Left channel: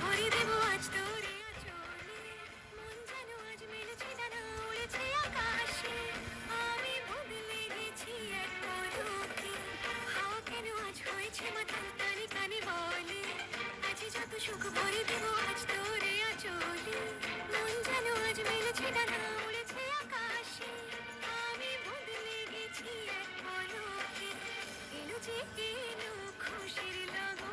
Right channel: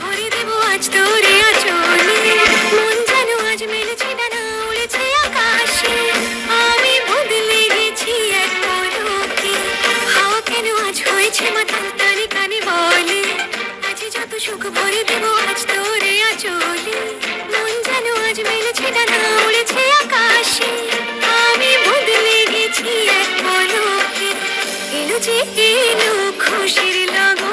ভরে দেব আজ তোরে আঁচলে, মন যেন আজ মেলেছে ডানা উড়েছে আকাশে। আমি বদলে গেছি এক পলকে, হাওয়া কেন আজ হয়েছে মাতাল তারে কানে বলে, আজ যত সুখ ভরে দেব আজ তোরে আঁচলে, মন যেন আজ মেলেছে ডানা উড়েছে আকাশে। আমি বদলে গেছি এক পলকে, এলো যে এলো খুশির লগন।